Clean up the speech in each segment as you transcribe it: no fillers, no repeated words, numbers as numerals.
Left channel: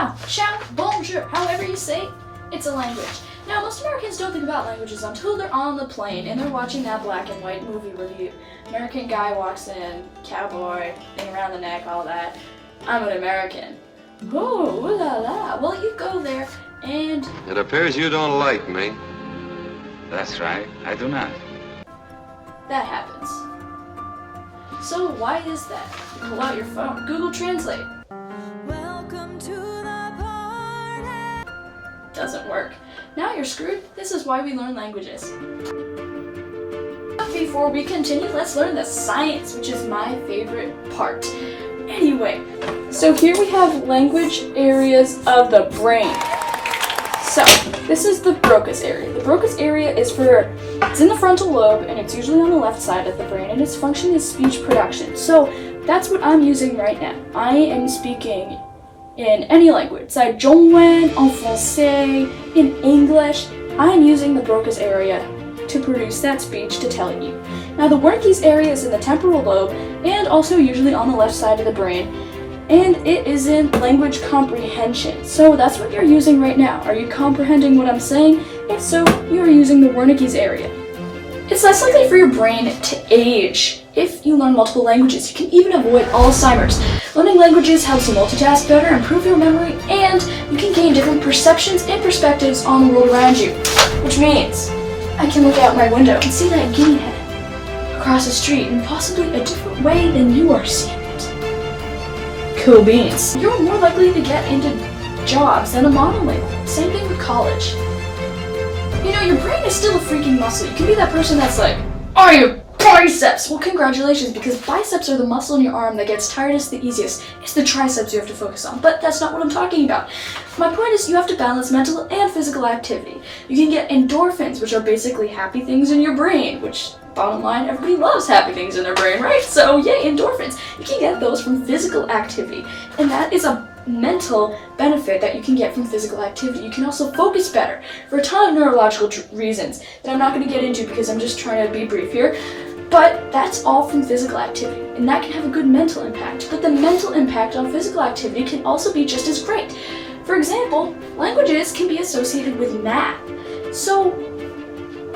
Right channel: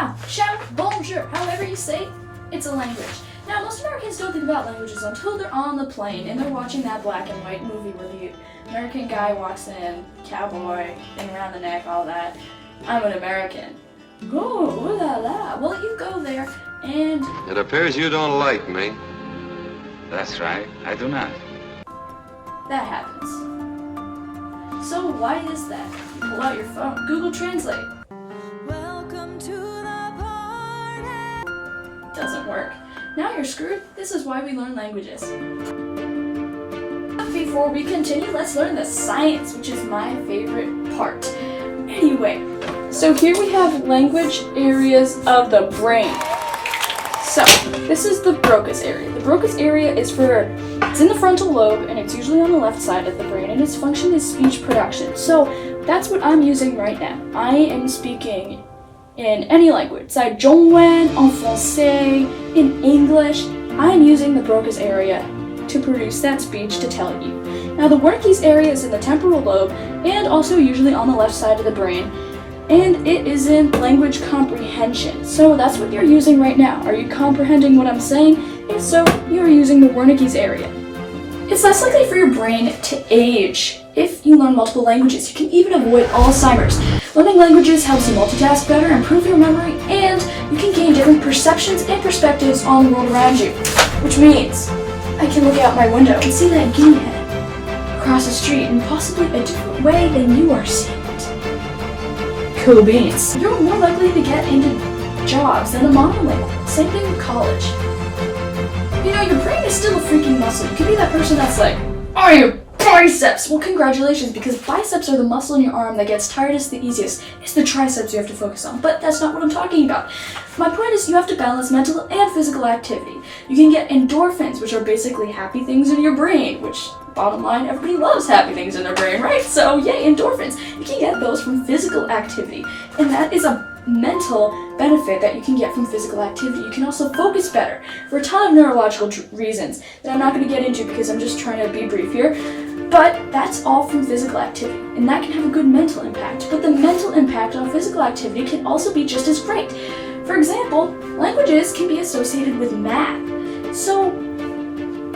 hao, ciao, bonjour, however you say, it's a language. Now, most Americans don't think about languages until they're on the plane and they're watching that black and white movie where the American guy walks in, cowboy, thing around the neck, all that. I'm an American. Oh, ooh la la. Well, you go there and... It appears you don't like me. That's right, I do not. That happens. So why is that? You pull out your phone, Google Translate. Welcome to the party. Doesn't work. Now you're screwed. This is why we learn languages. Before we continue, let's learn the science, which is my favorite part. Anyway, so here we have language areas of the brain. So, this is the Broca's area. The Broca's area it's in the frontal lobe, and it's usually on the left side of the brain, and its function is speech production. So, that's what I'm using right now. I am speaking in any language. 在中文, en français, in English, I'm using the Broca's area to produce that speech to tell you. Now, the Wernicke's area is in the temporal lobe, and also usually on the left side of the brain. And it is in language comprehension. So that's what you're using right now. Are you comprehending what I'm saying? If so, you are using the Wernicke's area. It's less likely for your brain to age if you learn multiple languages. You can even avoid Alzheimer's. Learning languages helps you multitask better, improve your memory, and you can gain different perceptions and perspectives on the world around you. Which means I can look out my window and see that guinea hen across the street in possibly a different way than you are seeing it. Cool beans. You're more likely to get into jobs than a monolingual. Same thing with college. You know, your brain is still a freaking muscle. You could be that person that's like, oh, your biceps! Well, congratulations, because biceps are the muscle in your arm that gets tiredest the easiest. It's the triceps you have to focus on, but that's not what I'm talking about. My point is you have to balance mental and physical activity. You can get endorphins, which are basically happy things in your brain, which, bottom line, everybody loves happy things in their brain, right? So, yay, endorphins. You can get those from physical activity, and that is a mental benefit that you can get from physical activity. You can also focus better for a ton of neurological reasons that I'm not going to get into because I'm just trying to be brief here. But that's all from physical activity, and that can have a good mental impact. But the mental impact on physical activity can also be just as great. For example, languages can be associated with math. So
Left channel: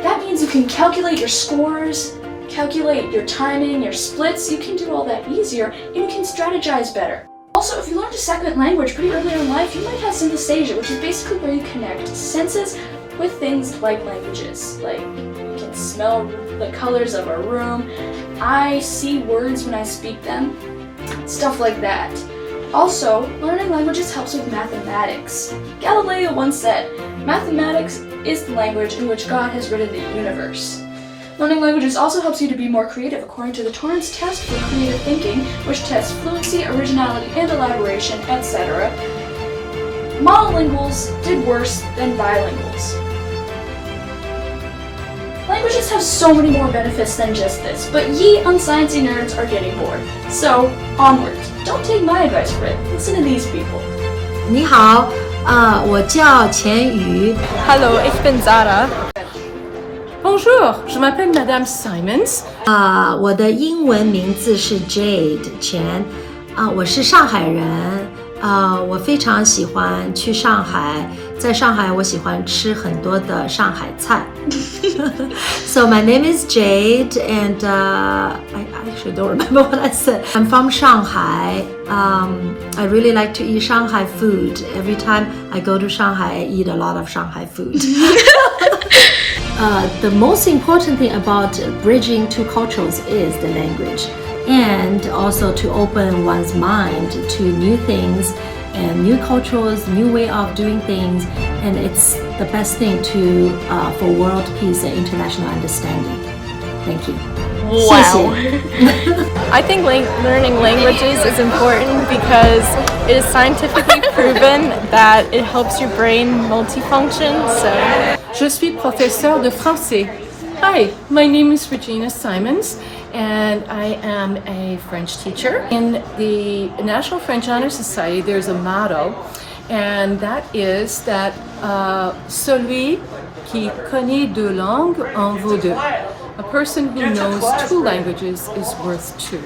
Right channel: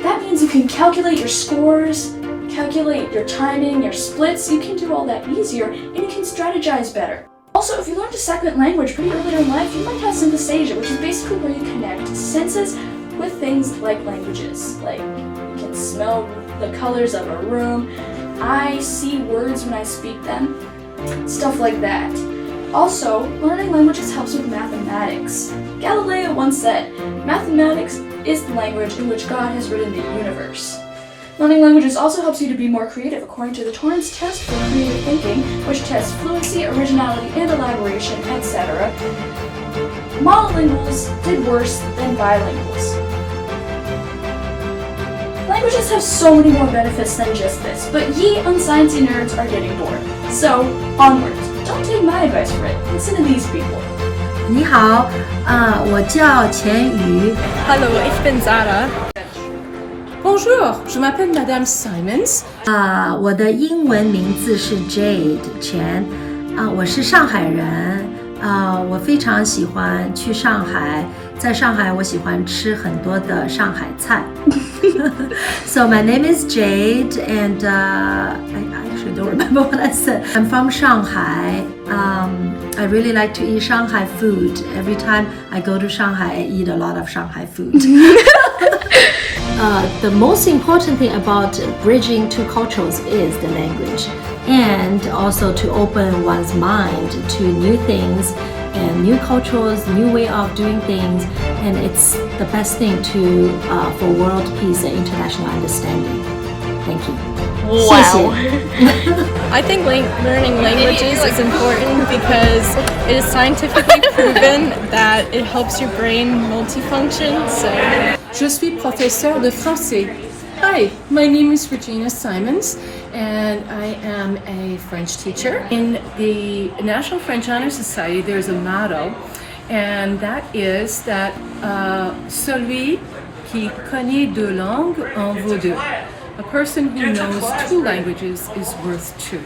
that means you can calculate your scores, calculate your timing, your splits. You can do all that easier, and you can strategize better. Also, if you learned a second language pretty early in life, you might have synesthesia, which is basically where you connect senses with things like languages. Like, you can smell the colors of a room, I see words when I speak them, stuff like that. Also, learning languages helps with mathematics. Galileo once said, mathematics is the language in which God has written the universe. Learning languages also helps you to be more creative according to the Torrance test for creative thinking, which tests fluency, originality, and elaboration, etc. Monolinguals did worse than bilinguals. Languages have so many more benefits than just this, but ye unsciencey nerds are getting bored. So, onwards. Don't take my advice for it. Listen to these people. 你好，我叫钱瑜。Hello, ich bin Zara. Bonjour, je m'appelle Madame Simons. 我的英文名字是 Jade 钱。我是上海人。我非常喜欢去上海，在上海我喜欢吃很多的上海菜。So my name is Jade, and I actually don't remember what I said. I'm from Shanghai. I really like to eat Shanghai food. Every time I go to Shanghai, I eat a lot of Shanghai food. The most important thing about bridging two cultures is the language, and also to open one's mind to new things and new cultures, new way of doing things, and it's the best thing for world peace and international understanding. Thank you. Wow. I think learning languages is important because it is scientifically proven that it helps your brain multifunction. So, Je suis professeur de français. Hi, my name is Regina Simons, and I am a French teacher. In the National French Honor Society, there's a motto, and that is that celui qui connaît deux langues en vaut deux. A person who knows two languages is worth two.